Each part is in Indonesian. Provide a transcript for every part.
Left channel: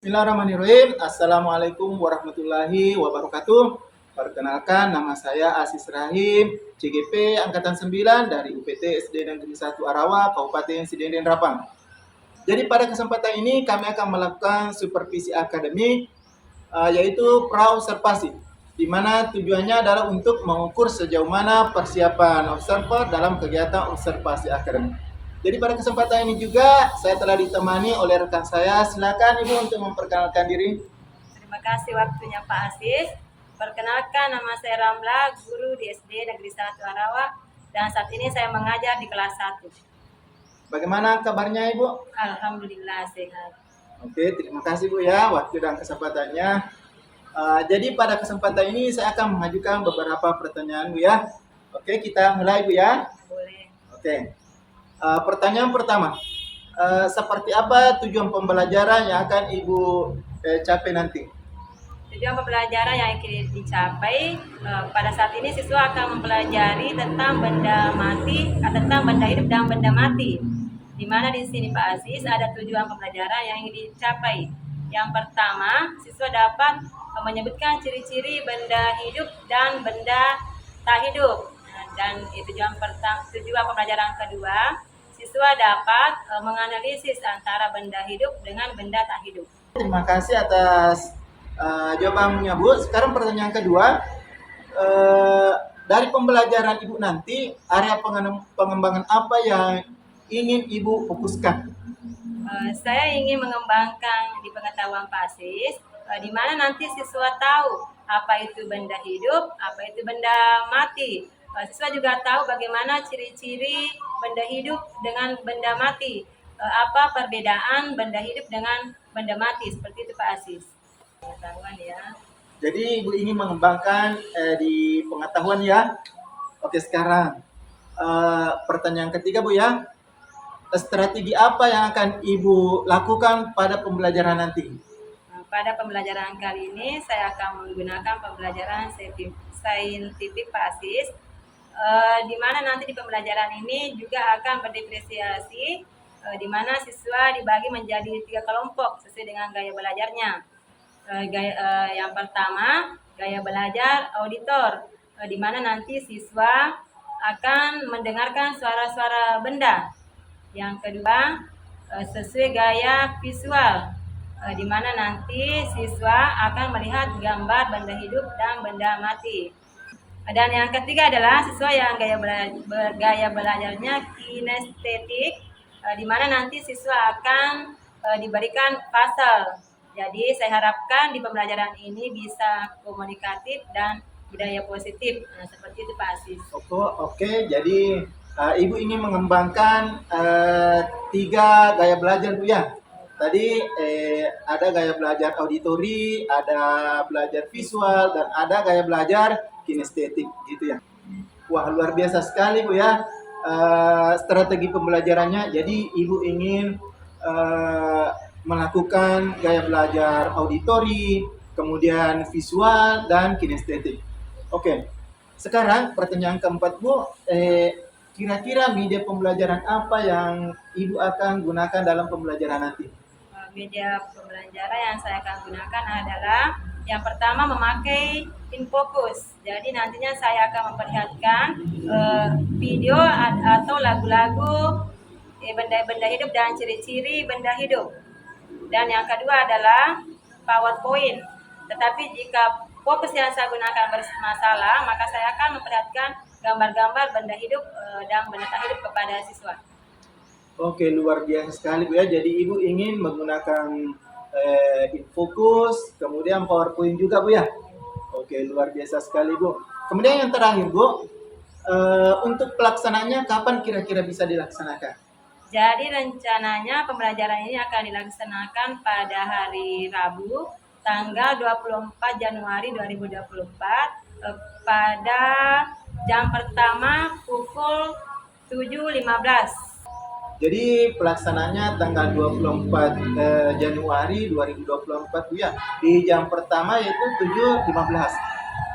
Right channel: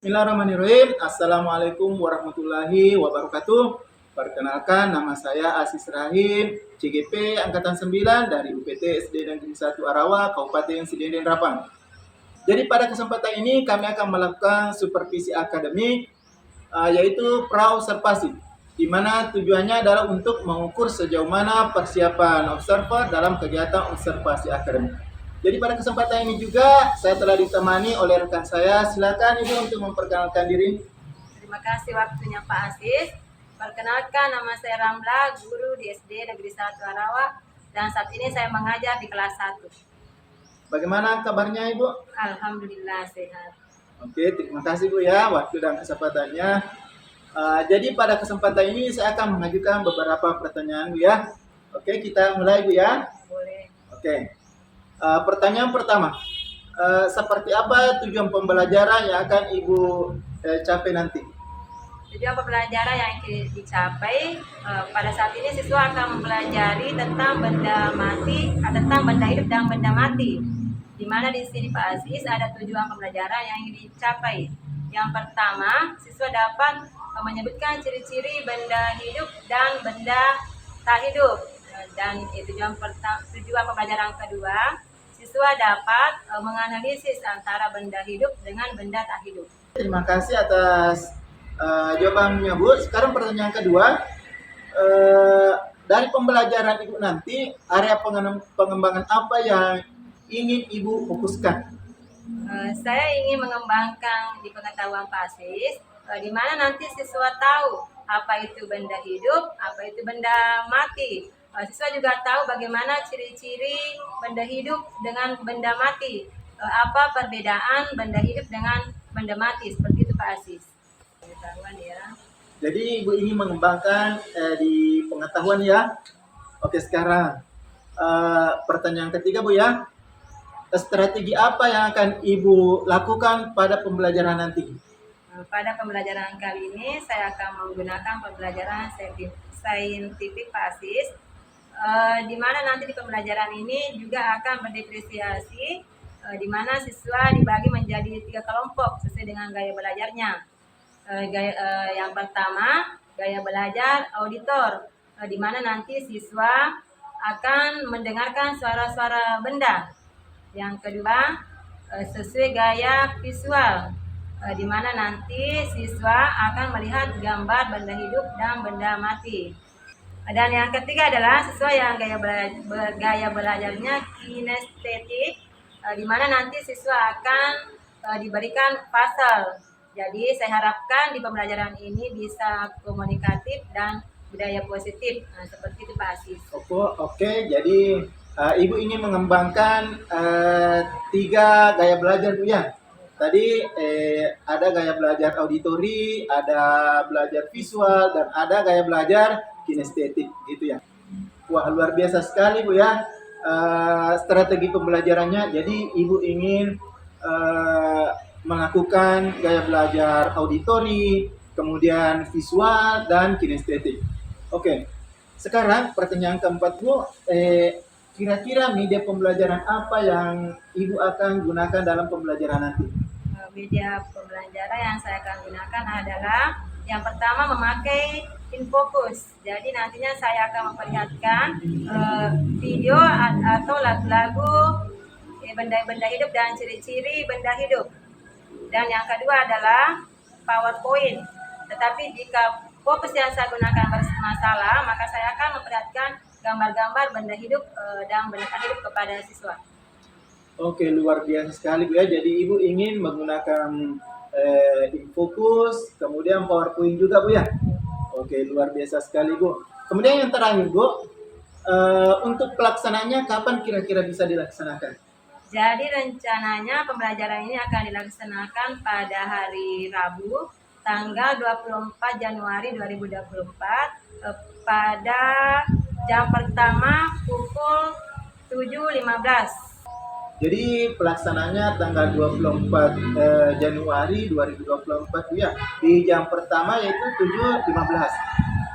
Bismillahirrahmanirrahim. Assalamualaikum warahmatullahi wabarakatuh. Perkenalkan, nama saya Asis Rahim, CGP Angkatan 9 dari UPT SD Negeri 1 Arawa, Kabupaten Sidenden Rapang. Jadi pada kesempatan ini kami akan melakukan supervisi akademik, yaitu pra-observasi, di mana tujuannya adalah untuk mengukur sejauh mana persiapan observer dalam kegiatan observasi akademik. Jadi pada kesempatan ini juga saya telah ditemani oleh rekan saya. Silakan Ibu untuk memperkenalkan diri. Terima kasih waktunya Pak Asis. Perkenalkan, nama saya Ramla, guru di SD Negeri 1 Arawa, dan saat ini saya mengajar di kelas 1. Bagaimana kabarnya Ibu? Alhamdulillah sehat. Oke, terima kasih Bu ya waktu dan kesempatannya. Jadi pada kesempatan ini saya akan mengajukan beberapa pertanyaan Bu ya. Oke, kita mulai Bu ya. Boleh. Oke. Pertanyaan pertama, seperti apa tujuan pembelajaran yang akan Ibu capai nanti? Tujuan pembelajaran yang ingin dicapai pada saat ini siswa akan mempelajari tentang benda mati, tentang benda hidup dan benda mati. Di mana di sini Pak Aziz ada tujuan pembelajaran yang ingin dicapai. Yang pertama, siswa dapat menyebutkan ciri-ciri benda hidup dan benda tak hidup. Dan tujuan pembelajaran kedua, siswa dapat menganalisis antara benda hidup dengan benda tak hidup. Terima kasih atas jawabannya Bu. Sekarang pertanyaan kedua, dari pembelajaran Ibu nanti, area pengembangan apa yang ingin Ibu fokuskan? Saya ingin mengembangkan di pengetahuan Pak Asis, di mana nanti siswa tahu apa itu benda hidup, apa itu benda mati. Siswa juga tahu bagaimana ciri-ciri benda hidup dengan benda mati, apa perbedaan benda hidup dengan benda mati, seperti itu Pak Asis. Pengetahuan ya. Jadi Ibu ingin mengembangkan di pengetahuan ya. Oke, sekarang pertanyaan ketiga Bu ya. Strategi apa yang akan Ibu lakukan pada pembelajaran nanti? Pada pembelajaran kali ini saya akan menggunakan pembelajaran saintifik Pak Asis, di mana nanti di pembelajaran ini juga akan berdiferensiasi, di mana siswa dibagi menjadi 3 kelompok sesuai dengan gaya belajarnya. Yang pertama, gaya belajar auditor, di mana nanti siswa akan mendengarkan suara-suara benda. Yang kedua, sesuai gaya visual, di mana nanti siswa akan melihat gambar benda hidup dan benda mati. Dan yang ketiga adalah siswa yang gaya belajarnya kinestetik, di mana nanti siswa akan diberikan puzzle. Jadi saya harapkan di pembelajaran ini bisa komunikatif dan budaya positif. Nah, seperti itu Pak Asis. Oke. Jadi Ibu ingin mengembangkan 3 gaya belajar Bu ya. Tadi ada gaya belajar auditori, ada belajar visual, dan ada gaya belajar kinestetik gitu ya. Wah, luar biasa sekali Bu ya strategi pembelajarannya. Jadi Ibu ingin melakukan gaya belajar auditori, kemudian visual, dan kinestetik. Oke, sekarang pertanyaan keempat Bu, kira-kira media pembelajaran apa yang Ibu akan gunakan dalam pembelajaran nanti? Media pembelajaran yang saya akan gunakan adalah yang pertama memakai infocus. Jadi nantinya saya akan memperlihatkan video atau lagu-lagu benda-benda hidup dan ciri-ciri benda hidup. Dan yang kedua adalah PowerPoint. Tetapi jika fokus yang saya gunakan bermasalah, maka saya akan memperlihatkan gambar-gambar benda hidup dan benda tak hidup kepada siswa. Oke, luar biasa sekali Bu ya. Jadi Ibu ingin menggunakan infocus, kemudian PowerPoint juga Bu ya. Oke, luar biasa sekali Bu. Kemudian yang terakhir Bu, untuk pelaksanaannya kapan kira-kira bisa dilaksanakan? Jadi rencananya pembelajaran ini akan dilaksanakan pada hari Rabu, tanggal 24 Januari 2024, pada jam pertama pukul 7.15. Jadi pelaksananya tanggal 24 Januari 2024 Bu ya, di jam pertama yaitu 7.15.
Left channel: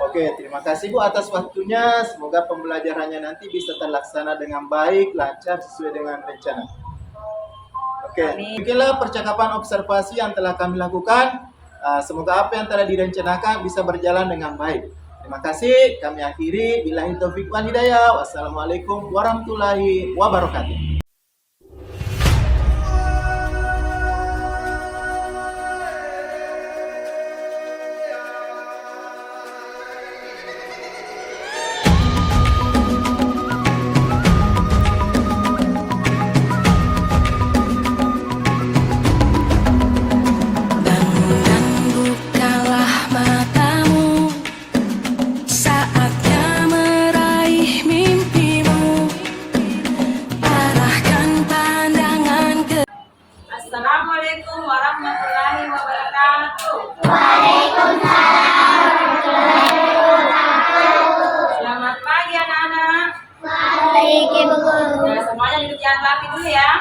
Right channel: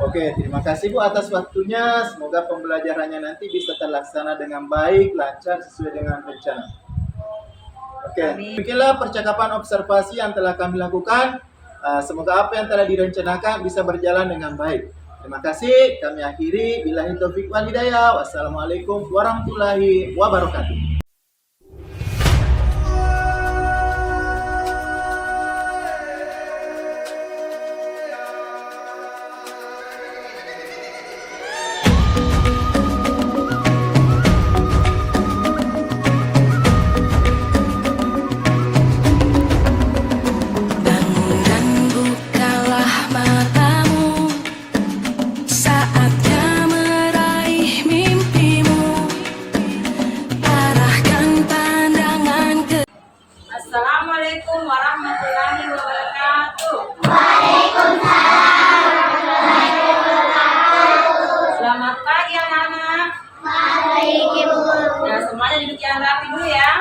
Oke, terima kasih Bu atas waktunya. Semoga pembelajarannya nanti bisa terlaksana dengan baik, lancar, sesuai dengan rencana. Oke. Oke, Amin. beginilah percakapan observasi yang telah kami lakukan. Semoga apa yang telah direncanakan bisa berjalan dengan baik. Terima kasih. Kami akhiri. Billahi taufiq wal hidayah. Wassalamualaikum warahmatullahi wabarakatuh. Bangun dan bukalah matamu, saatnya meraih mimpimu. Arahkan pandangan ke Assalamualaikum warahmatullahi wabarakatuh. Selamat pagi anak-anak. Nah, semuanya duduk yang rapi dulu ya.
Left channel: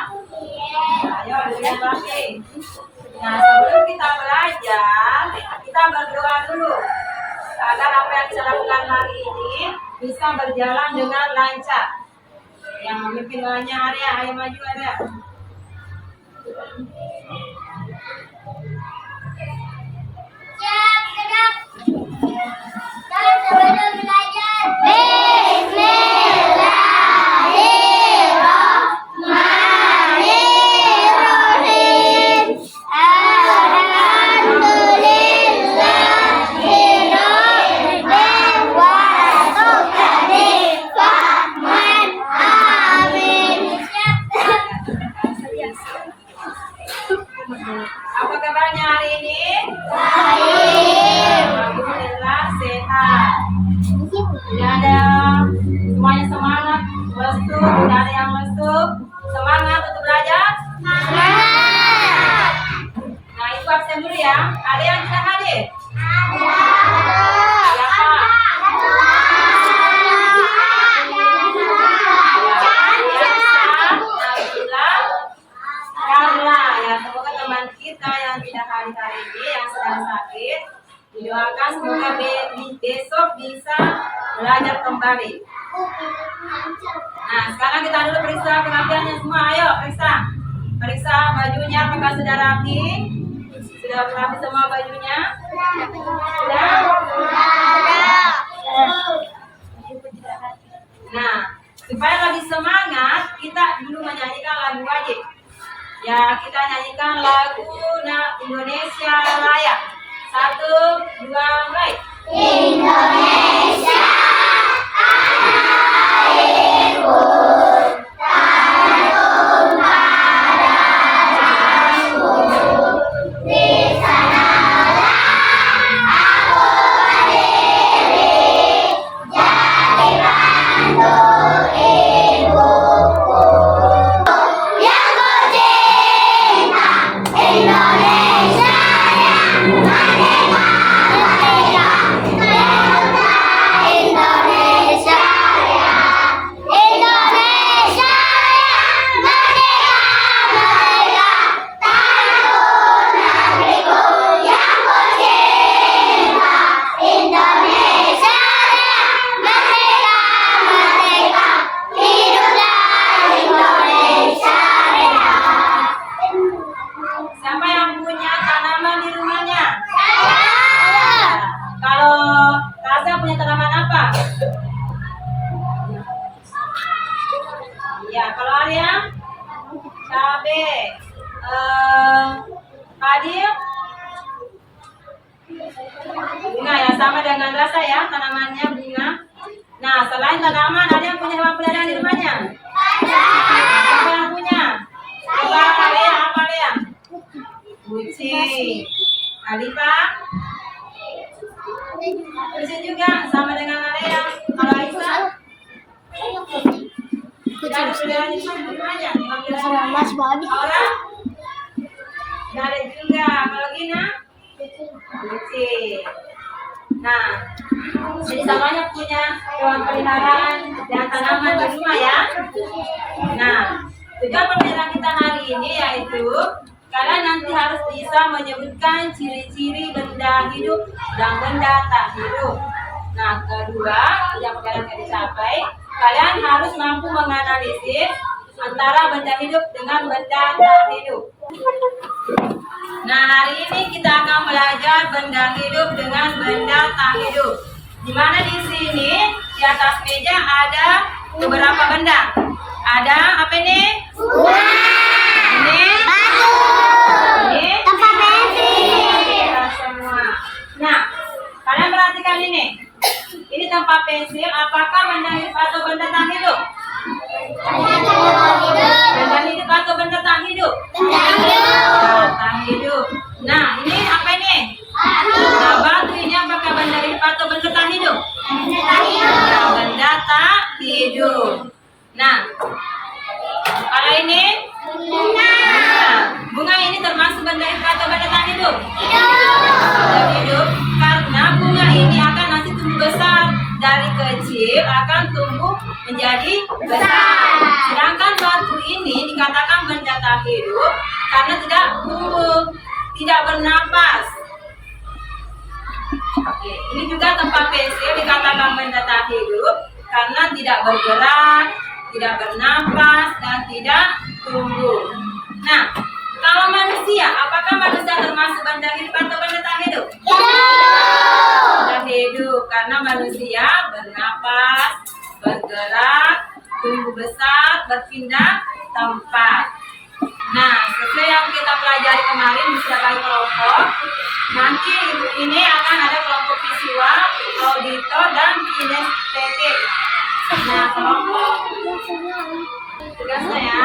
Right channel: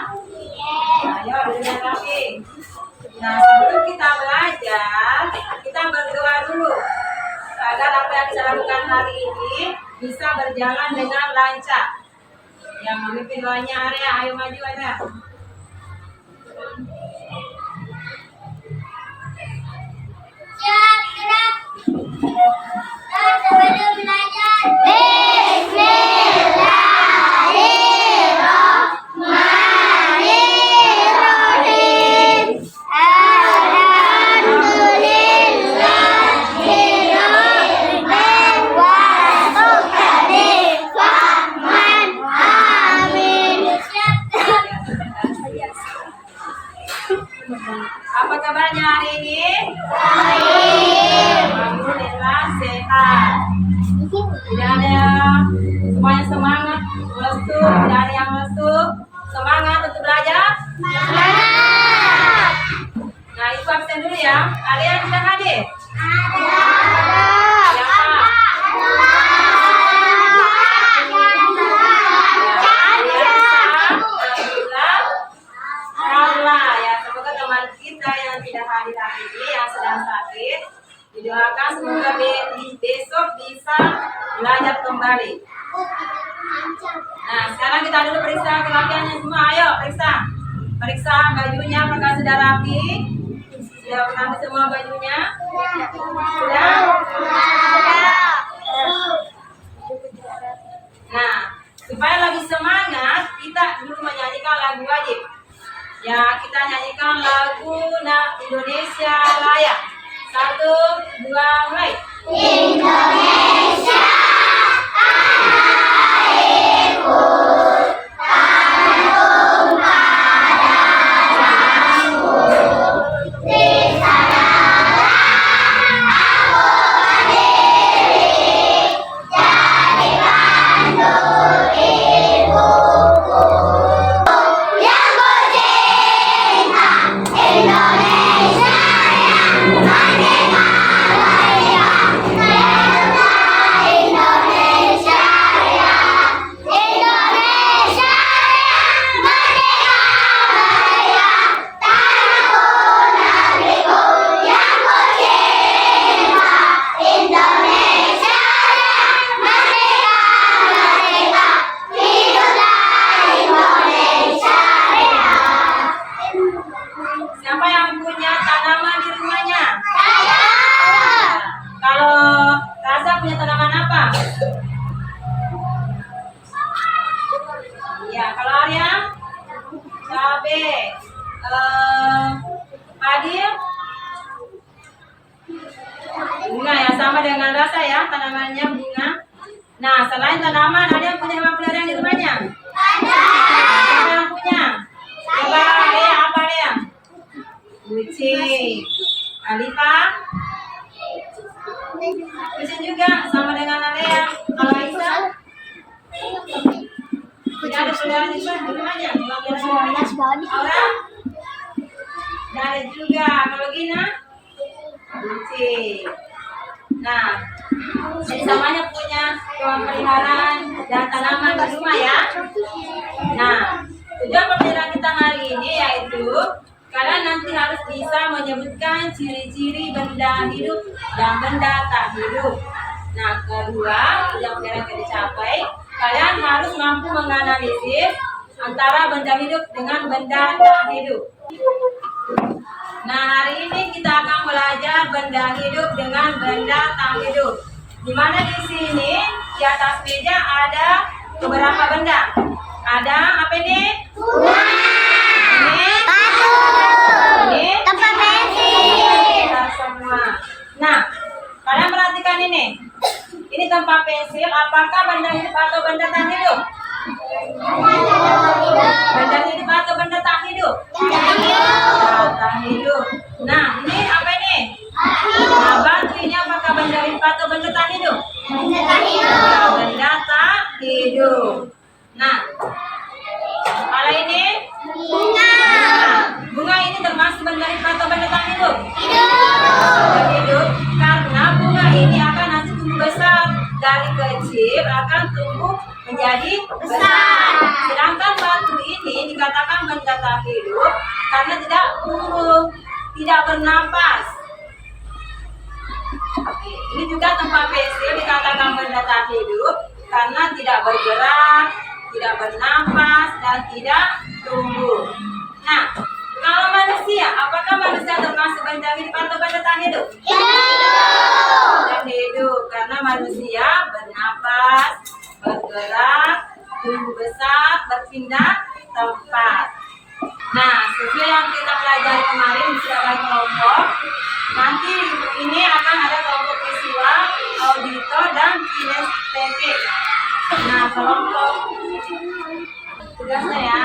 Nah, ayo duduk yang rapi. Nah, sebelum kita belajar, kita berdoa dulu agar apa yang kita lakukan hari ini bisa berjalan dengan lancar. Yang memimpin doanya Arya, ayo maju Arya. Apa kabarnya hari ini? Alhamdulillah sehat. Tidak ada, semuanya semangat lesuk, tidak ada yang lesuk. Semangat untuk belajar. Nah, ibu absen dulu ya. Ada yang tidak hadir? Siapa? Karla ya, semoga teman kita yang tidak hadir hari ini yang sedang sakit didoakan semoga besok bisa belajar kembali. Nah, sekarang kita dulu periksa kerapiannya semua. Ayo periksa bajunya apakah sudah rapi? Sudah rapi semua bajunya? Sudah? Nah, supaya lebih semangat kita dulu menyanyikan lagu wajib. Ya, kita nyanyikan lagu Indonesia Raya. 1, 2, mulai. Indonesia airku, tarum pada jalanku, di sanalah aku berdiri, jadi pandu ibuku. Yang ku cinta, Indonesia yang merdeka, merdeka, merdeka, Indonesia Raya, Indonesia Raya, merdeka, merdeka, tanahku, negeriku yang ku cinta, Indonesia Raya, merdeka, merdeka, hiduplah Indonesia Raya. Siapa yang punya tanaman di rumahnya? Saya. Kalau Kaza punya tanaman apa? Ya, kalau Arya? Cabe. Adil? Bunga ya, sama dengan rasa ya, tanamannya bunga. Nah, selain tanaman, ada yang punya hewan peliharaan di rumahnya? Siapa yang punya? Coba Lea, apa Lea? Kucing. Alifa? Kucing juga, sama dengan Lea. Kalau Aisyah? Tidak ada peliharaan di rumahnya? Hewan peliharaan? Aura? Tidak ada juga. Kalau Gina? Kucing. Nah, jadi semuanya punya hewan peliharaan dan tanaman di rumah ya. Nah, tujuan pembelajaran kita hari ini yaitu kalian nanti harus bisa menyebutkan ciri-ciri benda hidup dan benda tak hidup. Nah, kedua, yang pembelajaran akan dicapai, kalian harus mampu menganalisis antara benda hidup dengan benda tak hidup. Nah, hari ini kita akan belajar benda hidup dengan benda tak hidup. Di mana di sini di atas meja ada beberapa benda. Ada apa ini? Bunga. Ini Batu. ini Tempat pensil. semua. Nah, kalian perhatikan ini. Ini tempat pensil. Apakah benda hidup atau benda tak hidup? Benda hidup atau benda tak hidup? Tak hidup. Nah, ini apa ini? Nah, batu ini apakah benda hidup atau benda tak hidup? Nah, benda tak hidup. Nah, kalau ini nah, bunga ini termasuk benda hidup atau benda tak hidup? Benda hidup, karena bunga ini akan nanti tumbuh besar. Dari kecil akan tumbuh menjadi besar. Sedangkan batu ini dikatakan benda tak hidup karena tidak tumbuh, tidak bernapas. Oke, ini juga tempat pensil dikatakan benda tak hidup karena tidak bergerak, tidak bernapas, dan tidak tumbuh. Nah, kalau manusia, apakah manusia termasuk benda hidup atau benda tak hidup? Benda hidup karena manusia bernapas, bergerak, tumbuh besar, berpindah tempat. Nah, sesuai yang kita pelajari kemarin di setiap kali kelompok, nanti ini akan ada kelompok visual, auditor, dan kinestetik. Nah, kelompok tugasnya ya.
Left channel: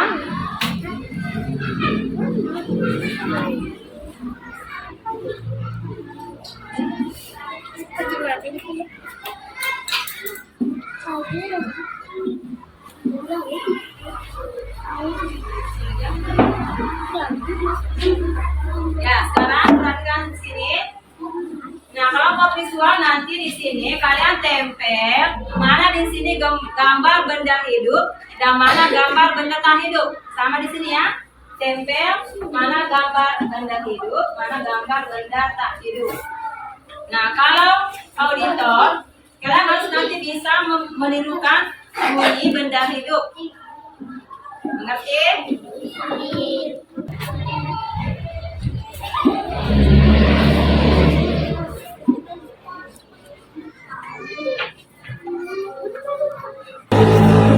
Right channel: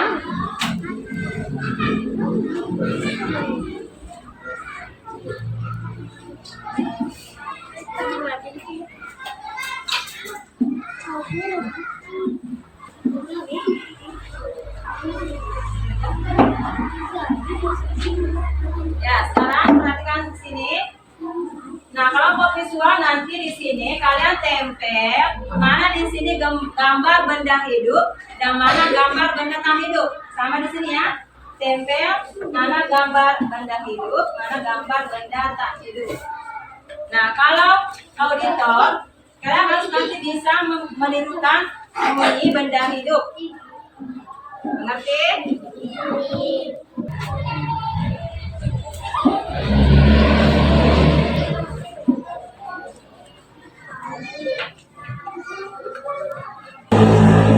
Ya, sekarang perhatikan di sini. Nah, kelompok visual nanti di sini kalian tempel mana di sini gambar benda hidup dan mana gambar benda tak hidup. Sama di sini ya. Tempel mana gambar benda hidup, mana gambar benda tak hidup. Nah, kalau auditor, kalian harus nanti bisa menirukan bunyi benda hidup. Mengerti?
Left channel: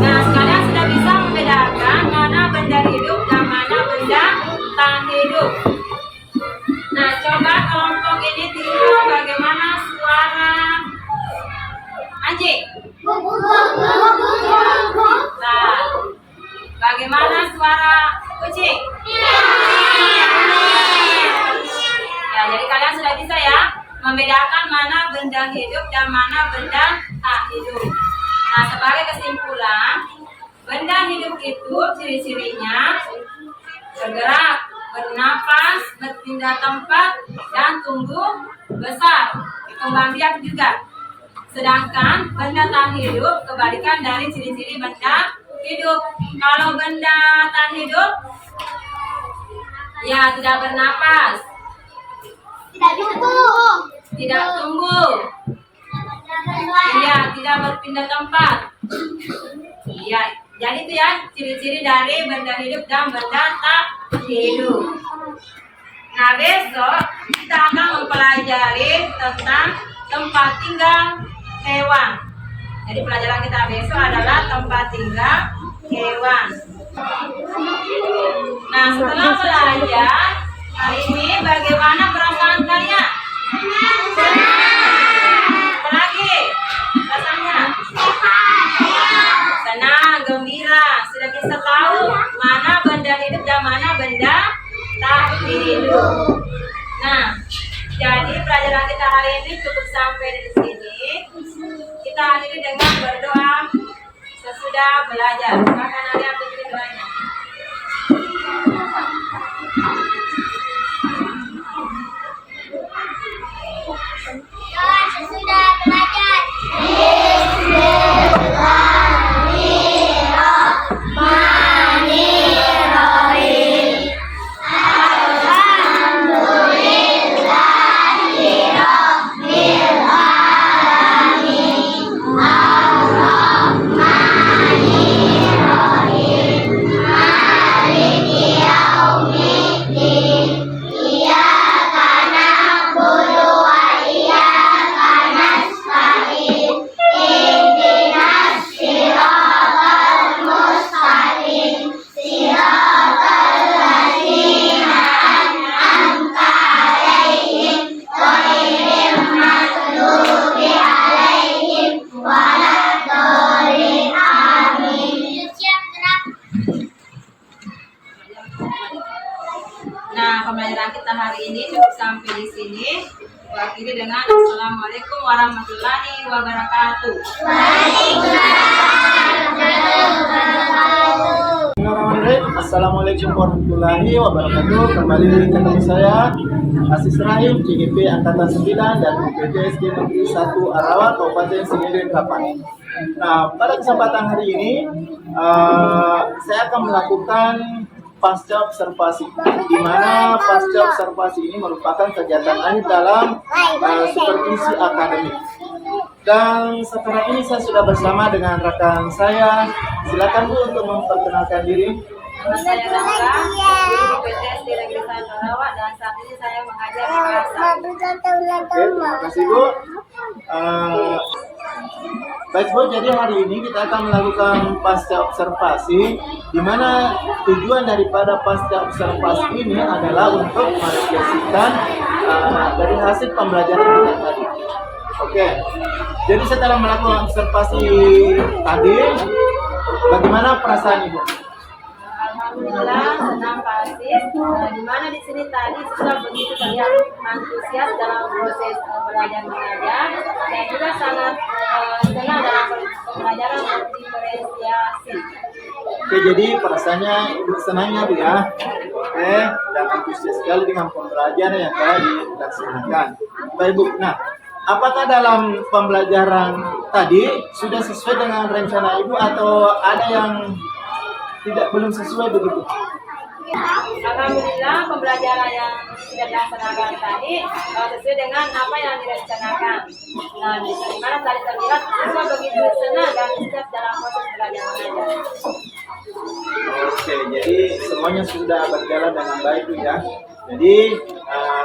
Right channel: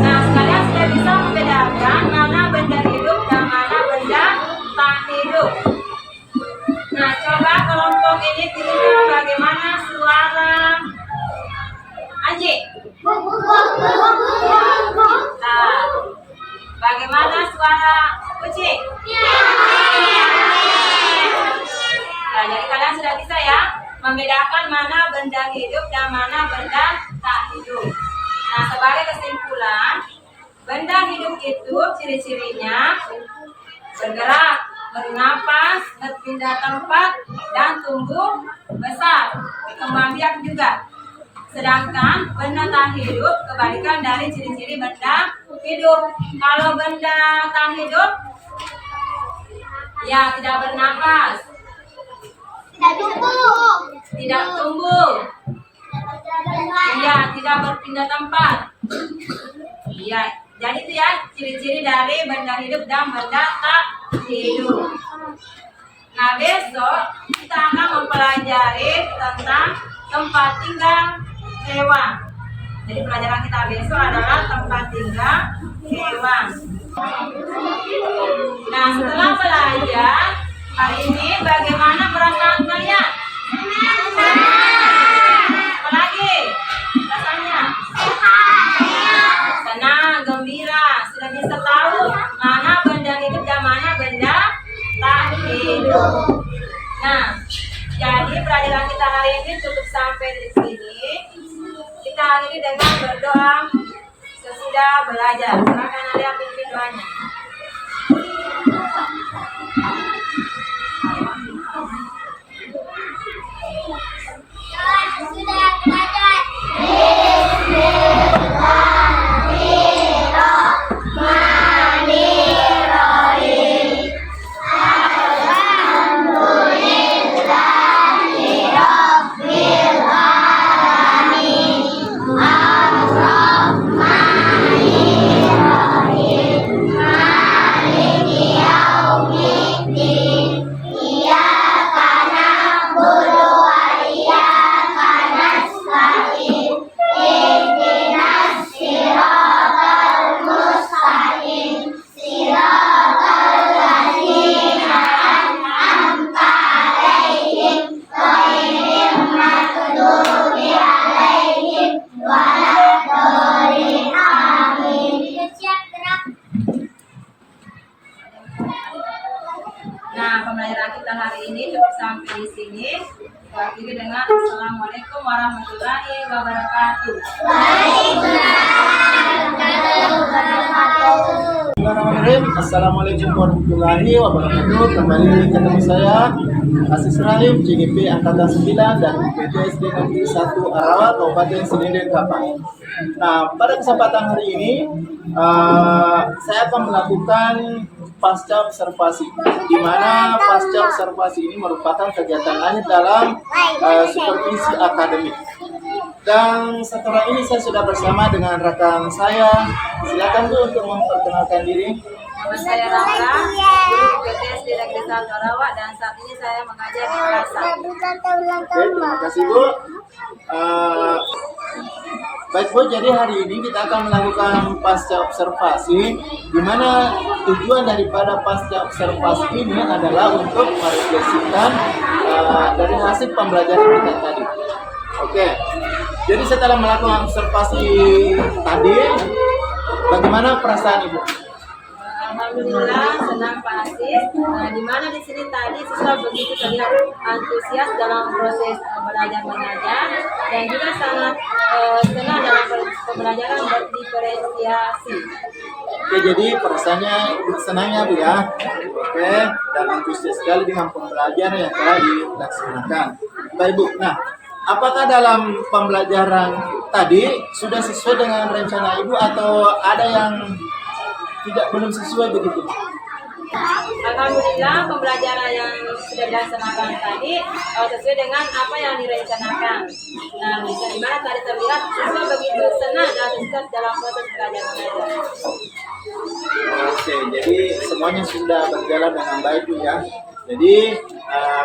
Nah, kalian sudah bisa membedakan mana benda hidup dan mana benda tak hidup. Nah, coba kelompok ini tirukan bagaimana suara anjing. Nah, bagaimana suara kucing? Ya, jadi kalian sudah bisa ya membedakan mana benda hidup dan mana benda tak hidup. Nah, sebagai kesimpulan, benda hidup itu ciri-cirinya bergerak, bernapas, berpindah tempat, dan tumbuh besar, kembang biak juga. Sedangkan benda tak hidup kebalikan dari ciri-ciri benda hidup. Kalau benda tak hidup, ya tidak bernapas, tidak tumbuh, iya, tidak berpindah tempat. Iya, jadi itu ya ciri-ciri dari benda hidup dan benda tak hidup. Nah, besok kita akan mempelajari tentang tempat tinggal hewan. Jadi pelajaran kita besok adalah tempat tinggal hewan. Nah, setelah belajar hari ini, bagaimana perasaan kalian? Apalagi rasanya? Senang, gembira, sudah bisa tahu mana benda hidup dan mana benda tak hidup. Nah, jadi pelajaran kita hari ini cukup sampai di sini. Kita akhiri dengan berdoa sesudah belajar. Silakan Alia pimpin doanya. Sudah belajar. sini. Akhiri dengan Assalamualaikum warahmatullahi wabarakatuh. Bismillahirrahmanirrahim. Assalamualaikum warahmatullahi wabarakatuh. Kembali ketemu saya Asis Rahim, CGP Angkatan 9 dan UPT SD Negeri 1 Arawa, Kabupaten Sinirin Kapang. Nah, pada kesempatan hari ini saya akan melakukan pasca observasi, di mana pasca observasi ini merupakan kegiatan akhir dalam supervisi akademik. Dan setelah ini saya sudah bersama dengan rekan saya. Silakan Bu untuk memperkenalkan diri. Nama saya Rangga, guru UPT SD Negeri 1 Arawa, dan saat ini saya mengajar di kelas 1. Oke, terima kasih Bu. Baik Bu, jadi hari ini kita akan melakukan pasca observasi, di mana tujuan daripada pasca observasi ini adalah untuk merefleksikan dari hasil pembelajaran kita tadi. Oke, jadi setelah melakukan observasi tadi, bagaimana perasaan Ibu? Alhamdulillah senang Pak Asis, di mana di sini tadi siswa begitu terlihat antusias dalam proses belajar mengajar dan juga sangat senang dalam pembelajaran berdiferensiasi. Oke, jadi perasaannya Ibu senangnya Bu ya. Oke, dan antusias sekali dengan pembelajaran yang telah dilaksanakan. Baik Bu, nah apakah dalam pembelajaran tadi sudah sesuai dengan rencana Ibu atau ada yang belum sesuai begitu? Alhamdulillah pembelajaran yang sudah dilaksanakan tadi sesuai dengan apa yang direncanakan. Nah, di mana tadi terlihat siswa begitu senang dan antusias dalam proses belajar mengajar. Oke, jadi semuanya sudah berjalan dengan baik Bu ya. Jadi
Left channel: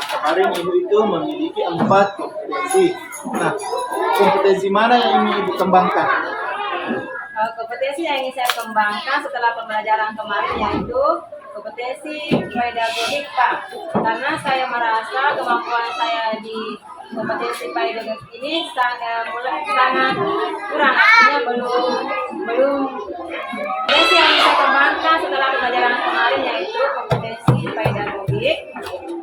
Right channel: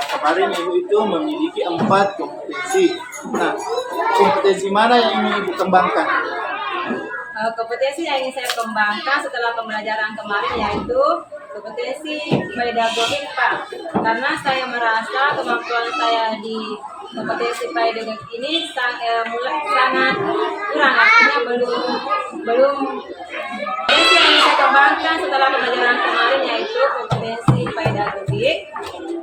kemarin Ibu itu memiliki 4 kompetensi. Nah, kompetensi mana yang ingin Ibu kembangkan? Kompetensi yang ingin saya kembangkan setelah pembelajaran kemarin yaitu kompetensi pedagogik Pak. Karena saya merasa kemampuan saya di kompetensi pedagogik ini sangat kurang, artinya belum. Kompetensi yang ingin saya kembangkan setelah pembelajaran kemarin yaitu kompetensi pedagogik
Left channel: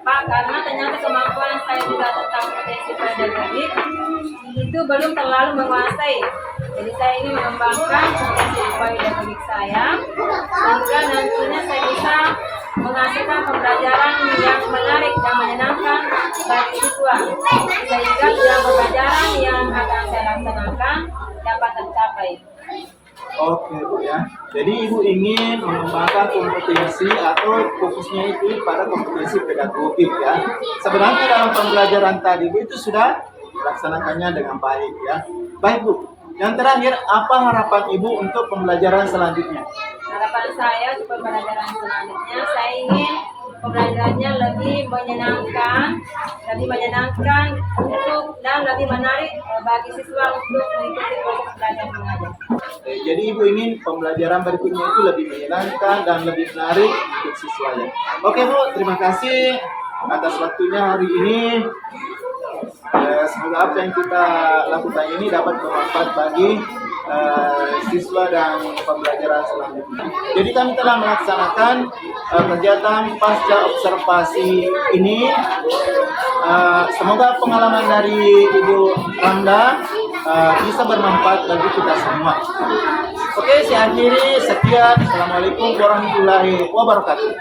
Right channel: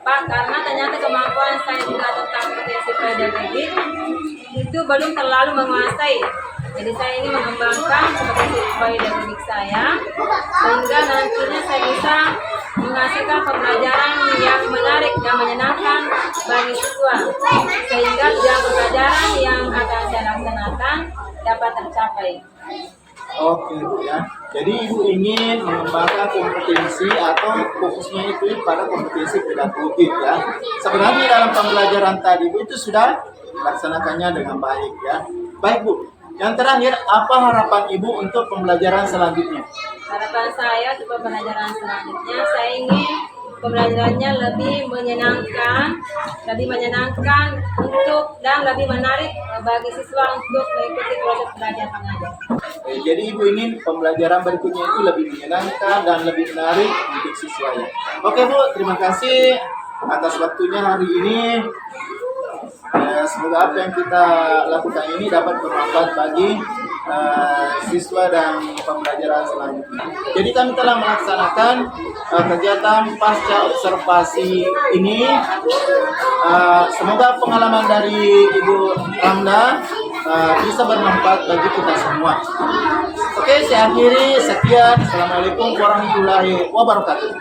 Pak, karena ternyata kemampuan saya juga tentang kompetensi pedagogik itu belum terlalu menguasai. Jadi saya ingin mengembangkan kompetensi pedagogik saya sehingga nantinya saya bisa menghasilkan pembelajaran yang menarik dan menyenangkan bagi siswa, sehingga tujuan pembelajaran yang akan saya laksanakan dapat tercapai. Oke Bu ya. Jadi Ibu ingin mengembangkan kompetensi atau fokusnya itu pada kompetensi pedagogik ya. Sebenarnya dalam pembelajaran tadi Bu itu sudah melaksanakannya dengan baik ya. Baik Bu. Yang terakhir, apa harapan Ibu untuk pembelajaran selanjutnya? Harapan saya untuk pembelajaran selanjutnya, saya ingin pembelajarannya lebih menyenangkan untuk dan lebih menarik bagi siswa untuk mengikuti proses belajar mengajar. Jadi Ibu ingin pembelajaran berikutnya itu lebih menyenangkan dan lebih menarik untuk siswanya. Oke Bu, terima kasih atas waktunya hari ini. Semoga apa yang kita lakukan ini dapat bermanfaat bagi siswa dan pembelajaran selanjutnya. Jadi kami telah melaksanakan kegiatan pasca observasi ini. Semoga pengalaman dari Ibu Ramda bisa bermanfaat bagi kita semua. Oke, saya akhiri. Sekian. Assalamualaikum warahmatullahi wabarakatuh.